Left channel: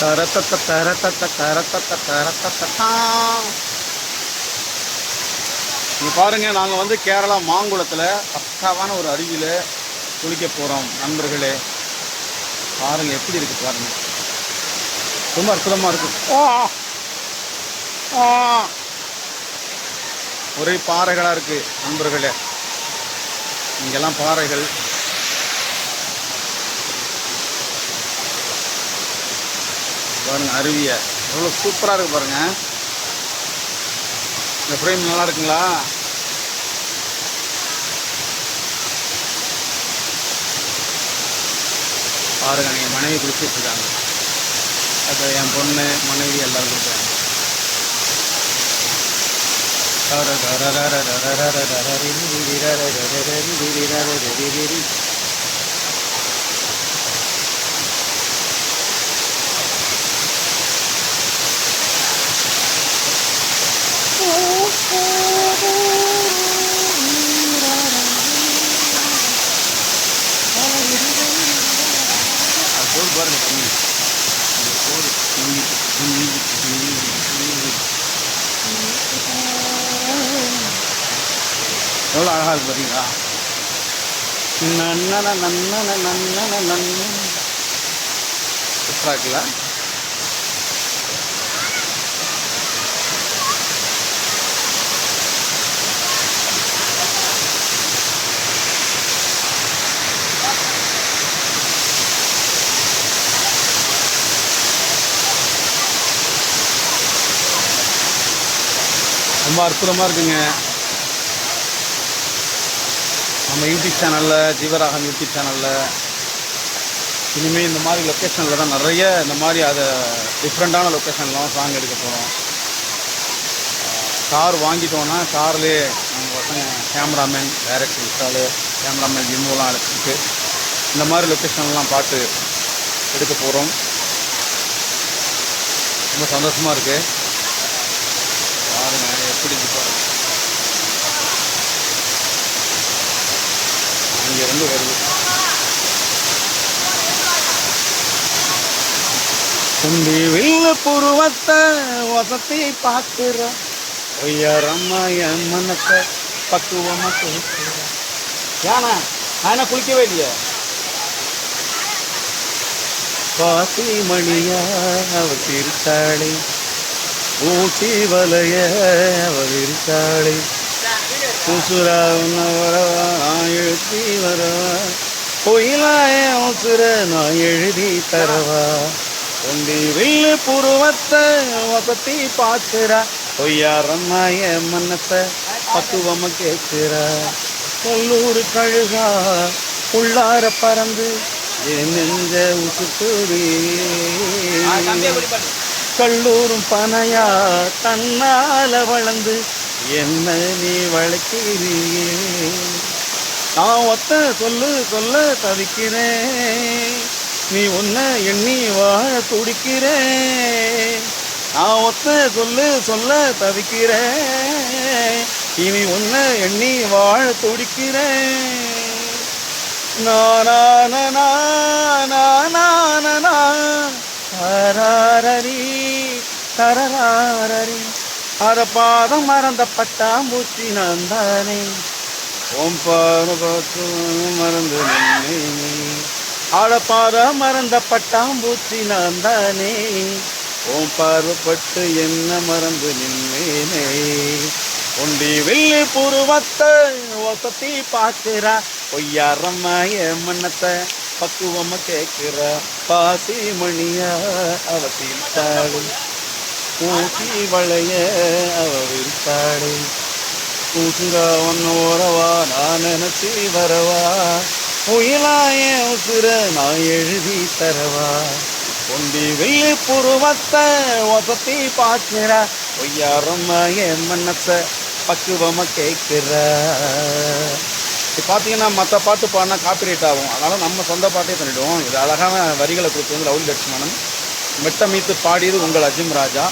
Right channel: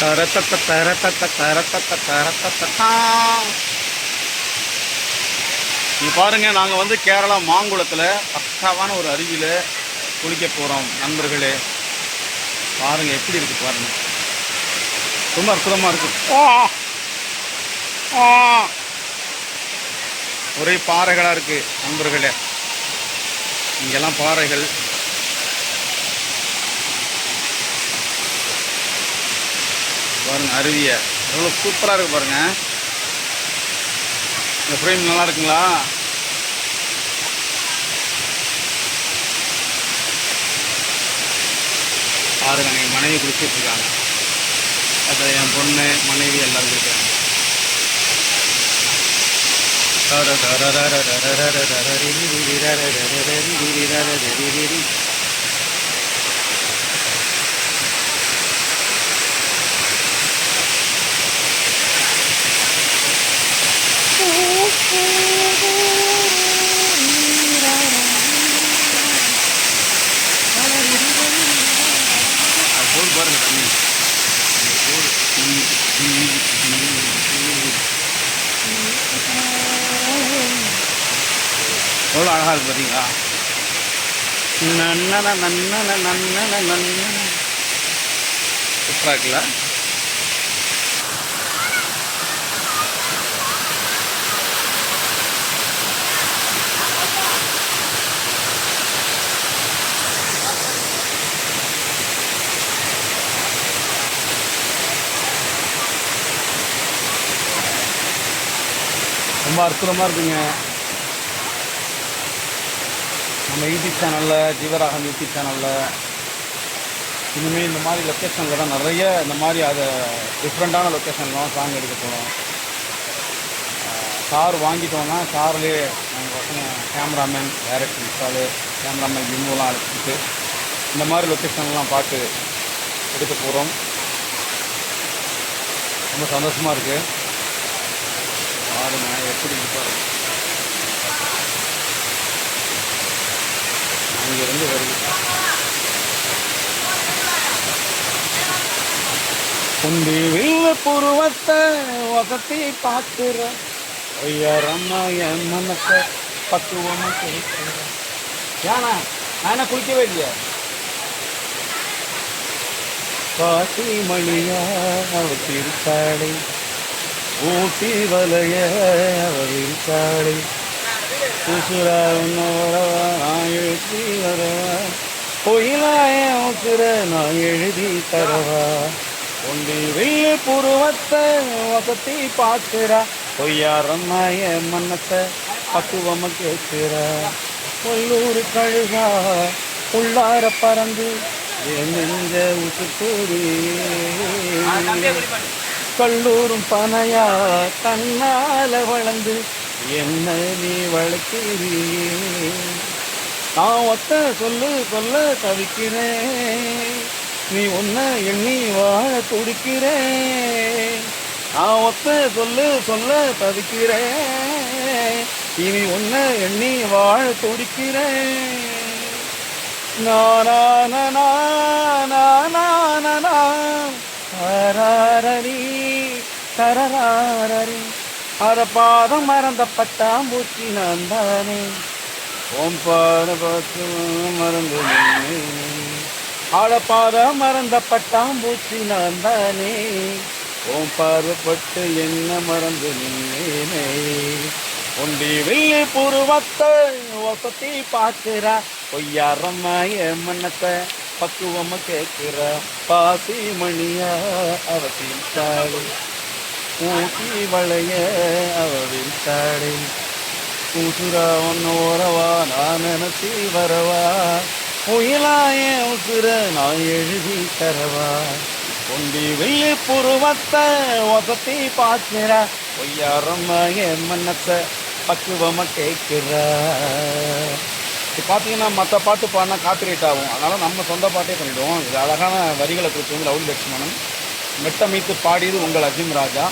தரத்தத்த தரத்தத்த தரத்தத்த நீங்க பாருங்க நாங்க வந்து கேரளா மாங்குளத்துல பக்காவான ஒரு அருவியில குளிக்க போறோம் நண்பர்களே பாருங்க எப்படி இருக்கு பாருங்க ரொம்ப அற்புதமா இருக்கும் ஒரே பாறைகளா இருக்கு நண்பர்களே இங்கெல்லாம் பாறைகள் பாருங்க அருவியை எவ்வளோ சூப்பராக இருக்குது பாருங்கள் இந்த ஃப்ரேம் நல்லா இருக்குங்களா பாருங்க என் மனைவி குளிச்சிட்ருக்காங்க அது என் பொண்ணு மனைவி எல்லோரும் குளிக்கிறாங்க அது போர் பாருங்க தண்ணி. இந்த போர் எவ்வளோ அழகாக இருக்கு பார்த்தீங்களா நன்னன நன்னன நன்னன நன்னன. சூப்பராக இருக்குல்ல? ரொம்ப அற்புதமாக இருக்குங்க. நம்ம யூடியூப் சேனலில் ஜீவராகம் யூடியூப் சேனலில் இனிமேல் இந்த மாதிரி லொக்கேஷனில் தான் நிறைய இந்த மாதிரி அதை டிஃப்ரெண்ட்டான லொக்கேஷன்லாம் சாங் எடுக்க போகிறோம் கார் வாங்கிட்டோன்னா கார்லேயே நாங்கள் பசங்க கேமராமேன் டைரக்ட் இன்ஸ்டாலு கேமராமேன் ஜிம்முலாம் அழைச்சிட்டு இந்த மாதிரி லொக்கேஷன்லாம் பார்த்து எடுக்க போகிறோம் ரொம்ப சந்தோஷமாக இருக்குது பாருங்க எப்படி இருக்கு பாருங்க. அங்கிருந்து வருது. குண்டி வில்ல புருவத்தை வசத்தி பார்க்கிற ஒய்யாரம்மா என் மனசை பக்குவமா கேட்கிற ஏனா நான் குளிக்கவே இல்லையா? பாசி மணியா அவ திருத்தாளை ஊட்டி வலைய அவ இருக்காளே உசுரா உன்ன வரவா நான் எழுதி வரவா. பொயிலாய உசுர நான் எழுதி தரவா. ஒண்டி வில்லு புருவத்தை வசத்தி பார்க்கிறா. பொய்யாரம்மாய மன்னத்தை பக்குவம கேட்கிறா. கொல்லூர் கழுகா உள்ளார பறந்து என் நெஞ்ச உசுக்குறி கல்லூரும் பனையா தன்னால வளர்ந்து என்ன நீ வளர்க்கிறீ நான் ஒத்த சொல்லு சொல்ல தவிக்கிறேன் நீ ஒன்ன எண்ணி வாழ துடிக்கிறேன் நான் ஒத்த சொல்லு சொல்ல தவிக்கிறேன் இனி ஒன்ன எண்ணி வாழ துடிக்கிறேன் நானா தராரரி அத பாதம் மறந்த பட்டாம்பூச்சி நான் தானே ஓம் பாத பார்த்து மறந்து ஆட பாதம் மறந்த பட்டாம்பூச்சி நான் தானே ஓம் பார்வப்பட்டு என்ன மறந்து நின்னேனே உண்டி வெள்ளி புருவத்தை வசதி பார்க்கிறா. பொய்யாரம்மாய மன்னத்தை பக்குவமா கேட்கிற. பாசி மணியா அவ தீர்த்தாளே ஊட்டி வளைய அவ விரித்தாளே உசுரா ஒன்று ஓரவா நான் நினச்சி வரவா. புயலாய உசுர நான் எழுதி தரவா. கொண்டி வெள்ளி புருவத்தை வசத்தி பார்க்கிறா என் மன்னத்தை பக்குவமாக கேட்கிறா இது பார்த்தீங்கன்னா மற்ற பாட்டு பாடினா காப்பிரைட் ஆகும். அதனால் நம்ம சொந்த பாட்டே பண்ணிவிடுவோம் இது அழகான வரிகளை கொடுத்து வந்து ரவுல் லட்சுமணன். மெட்டமைத்து பாடியது உங்கள் அஜிம் ராஜா.